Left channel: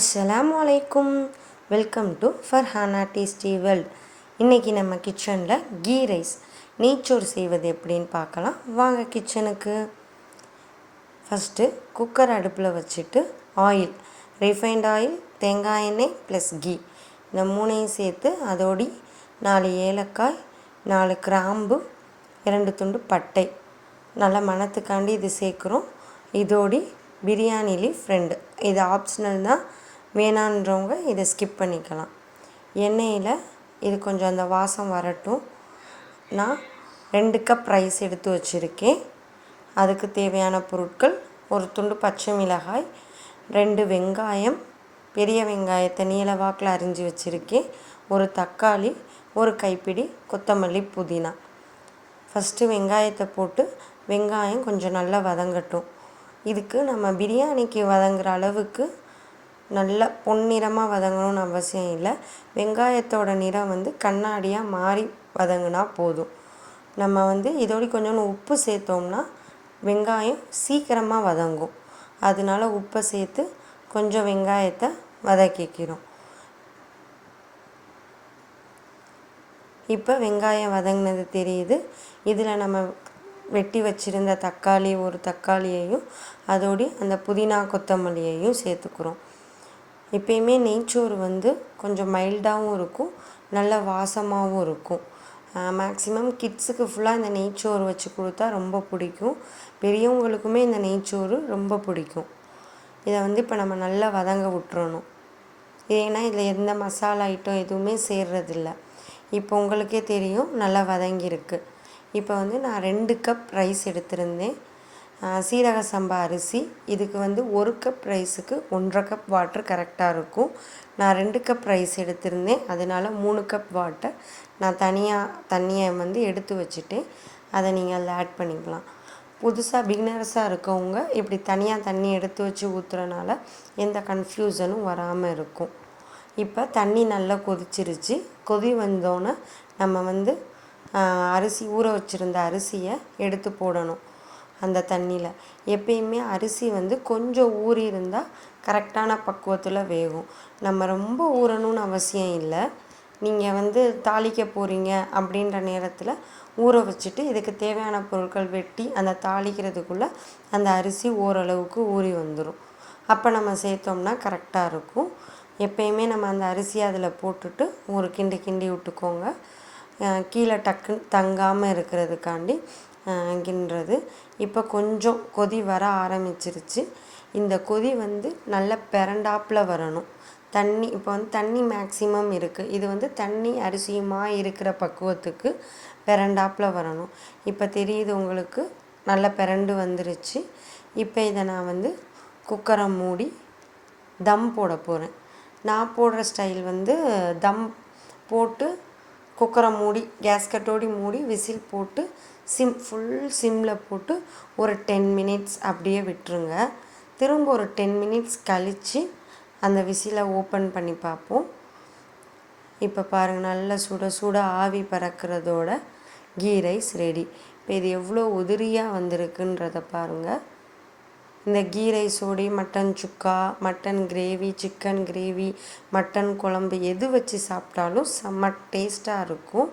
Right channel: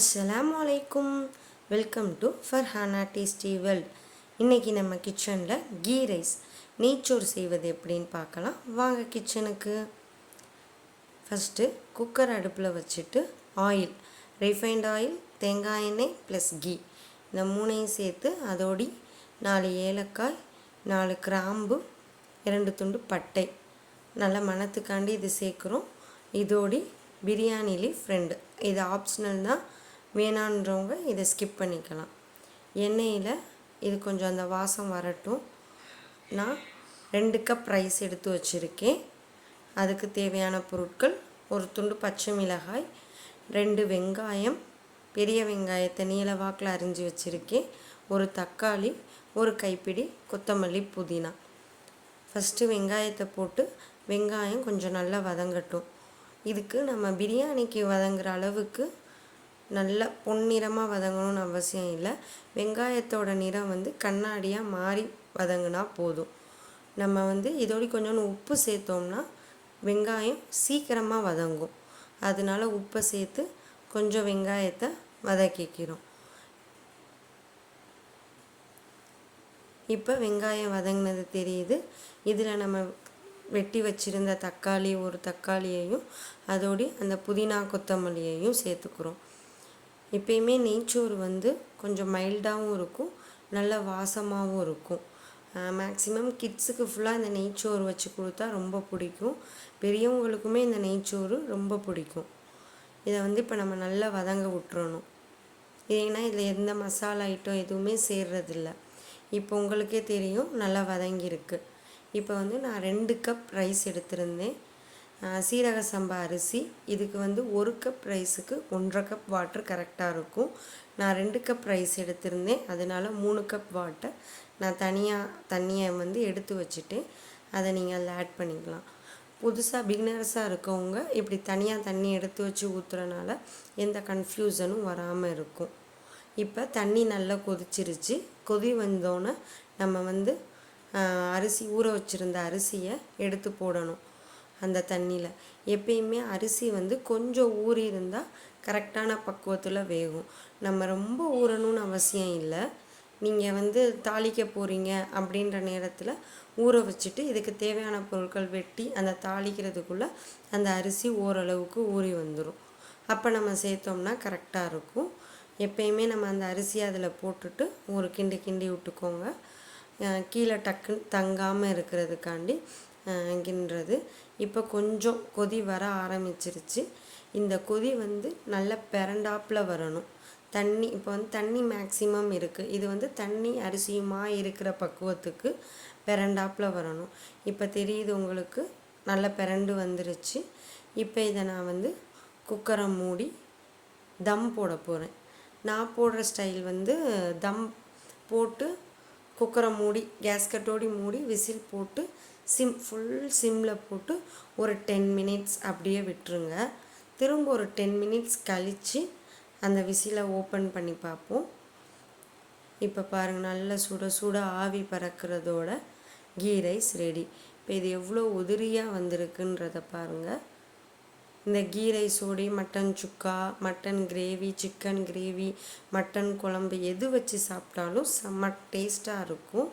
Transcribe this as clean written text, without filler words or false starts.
அஸ்ஸலாமு அலைக்கும். Welcome to Farhana tasty world. இன்றைக்கி நம்ம கிச்சனில் கீ ரைஸ் நெய்ச்சோறு செய்வது எப்படின்னு பார்க்கலாம். வாங்க கிச்சனுக்கு. ஃபஸ்ட்டு குக்கர் அடுப்பில் வச்சுட்டு ஆயில், ரிஃபைண்ட் ஆயில், தேங்காய் எண்ணெய் ப்ளஸ் கீ இந்த மூணையும் சேர்த்து அதோடி 4 ஏலக்காய், 4 கிராம்பு, 2 துண்டு பட்டை நல்லா மணத்துக்காண்டி இது சேர்க்குறோம். இதோடி பிரியாணி லீஃப் 2, இது ஆப்ஷனல் தான், வேணான்றவங்க இதை ஸ்கிப் பண்ணிக்கலாம். எண்ணெயில் இது கொஞ்சம் அந்த வாசம் வரட்டும். நான் 2 கப் ரைஸ் எடுத்து வச்சுருக்கேன். அதுக்கு தேவையான பொருட்கள்: ஒரு துண்டு பச்சை மிளகாய், 2 வெங்காயம், பெரிய வெங்காயத்தை நீல வாக்கில் அரிஞ்சு வச்சுருக்கேன், ஒரு தக்காளி, ஒரு கைப்பிடி கொத்தமல்லி, புதினா. ஃபஸ்ட்டு வெங்காயத்தை போட்டு வெங்காயம் கொஞ்சம் நல்லா வதங்கட்டும். இதுக்கு நம்ம பிரியாணிக்கு வதங்குற அளவுக்கு நல்ல பொன்னிறமாக வதங்கணும்னு அவசியம் இல்லை. வெங்காயத்தோட நிறம் கண்ணாடியாக மாறி வதங்கினா போதும். நம்ம இதோடு கொஞ்சோண்டு உப்பு சேர்த்தோம்னா வெங்காயம் சீக்கிரமாக வதங்கும். அதனால உப்பை சேர்த்து கொஞ்சம் வெங்காயத்தை வதக்கிக்கிறோம். இப்போ வெங்காயம் வதங்கினது தெரியுது. இதில் நம்ம வெட்டி வச்சுருந்த தக்காளி, ஒரு தக்காளியையும் அதோடு அந்த புதினா கொத்தமல்லியையும் சேர்த்துக்கிறோம். எப்பயுமே நெய்ச்சோறு கொஞ்சம் மைல்டாகவும் இருக்கும், நல்ல வாசமாகவும் இருக்கும். மேக்ஸிமம் கிட்ஸுக்கு ஃபுல்லாக இந்த நெய்ச்சோறு வச்சு கொடுத்தா ரொம்ப பிடிக்கும். பெரியவங்களுக்குமே இந்த நெய்ச்சோறு ரொம்ப பிடிக்கும். இதை இப்போ நம்ம நல்லா வதங்க விட்டுறணும். ஏன்னா இதில் எந்த மசாலா ஐட்டம் எதுவுமே சேர்றதில்ல. இப்போ உங்களுக்கே தெரியும் நல்லா வதங்கியிருக்கு. இப்போ நான் 2 கப் ரைஸ் எடுத்திருந்தேன். சீரக சம்பா அரிசி. இதுக்கு 1 கப் ரைஸுக்கு 1.5 கப் வாட்டர் கரெக்டாக இருக்கும். நான் 2 கப் ரைஸ் எடுத்திருந்தேன், அதனால் 3 கப் வாட்டர் நான் தனியாக தண்ணியை எடுத்து வச்சுட்டேன். அதை நீங்கள் அதில் ஆட் பண்ணிக்கலாம். புதுசாக பிகினர்ஸாக இருக்கவங்க இப்படி தனியாக தண்ணி எடுத்து வச்சு ஊற்றுறனால எந்த கன்ஃப்யூஷனும் வராமல் இருக்கும். இப்போ தண்ணி நல்லா கொதிச்சிருச்சு. கொதி வந்தோன்னே நம்ம அரிசி ஊற வச்சுருந்த அரிசியை எடுத்து போடணும் அந்த தண்ணியில். எப்பயுமே அரிசி கொஞ்சம் ஊறி இருந்தால் கரெக்டான பக்குவத்தில் வேகும். நம்ம ரொம்ப ஊறணும்னு அவசியம் இல்லை. நீங்கள் தாளிக்க போகிறீங்க அப்படின்ற நேரத்தில் ஊற வச்சுட்டு இதுக்கு தேவையான பொருட்கள் வெட்டி அந்த தாளிக்கிறதுக்குள்ளே அந்த அரிசி ஓரளவுக்கு ஊறி வந்துடும். அப்போ நம்ம சேர்த்தோம்னா கரெக்டாக இருக்கும். எப்பயுமே நம்ம அந்த அரிசியை அதில் போட்டுட்டு ஒரு கிண்டி கிண்டி விட்டுக்கோங்க. கீழே டக்குன்னு தங்காமல் இருக்கிறதுக்காண்டி கிண்டுறது. இப்போ கொஞ்சம் கொதி வர ஆரம்பிச்சிருச்சு. இந்த கொதி நல்ல பெரண்டாப்பில் வரணும். தண்ணி இப்போ தண்ணி மேக்ஸிமம் இருக்குது. இது தண்ணி அரிசியுமா இருக்கிற பக்குவத்துக்கு பெரண்டாப்பில் வரணும். இப்போ தெரியுது உங்களுக்கு, நல்ல பெரண்டு வந்துருச்சு. இப்போ இதை நான் குக்கரை மூடி தம் போட போகிறேன். நான் போடுற ஸ்டைல் தம் போட்டு குக்கரை மூடி கேஸ்கட்டோடி மூடி விசில் போட்டு ஃபுல் சிம்மில் போட்டு ஒரு 10 மினிட்ஸ் அப்படியே விட்டுருங்க. திரும்ப ஒரு 10 மினிட்ஸ் கழித்து அந்த விசிலை ஓப்பன் பண்ணி பார்ப்போம். இப்போ பாருங்கள், நல்ல சுட சுட ஆவி பறக்கிறதோட கீ ரைஸ் ரெடி. இப்போ இது எவ்வளோ உதிரியாக வந்திருக்குன்றதை பாருங்கள். இந்த கீ ரைஸோடி mutton chukka, mutton gravy, chicken gravy, mutton குழம்பு எது வச்சு சாப்பிட்டாலும் செம்ம டேஸ்ட்டாக இருக்கும்.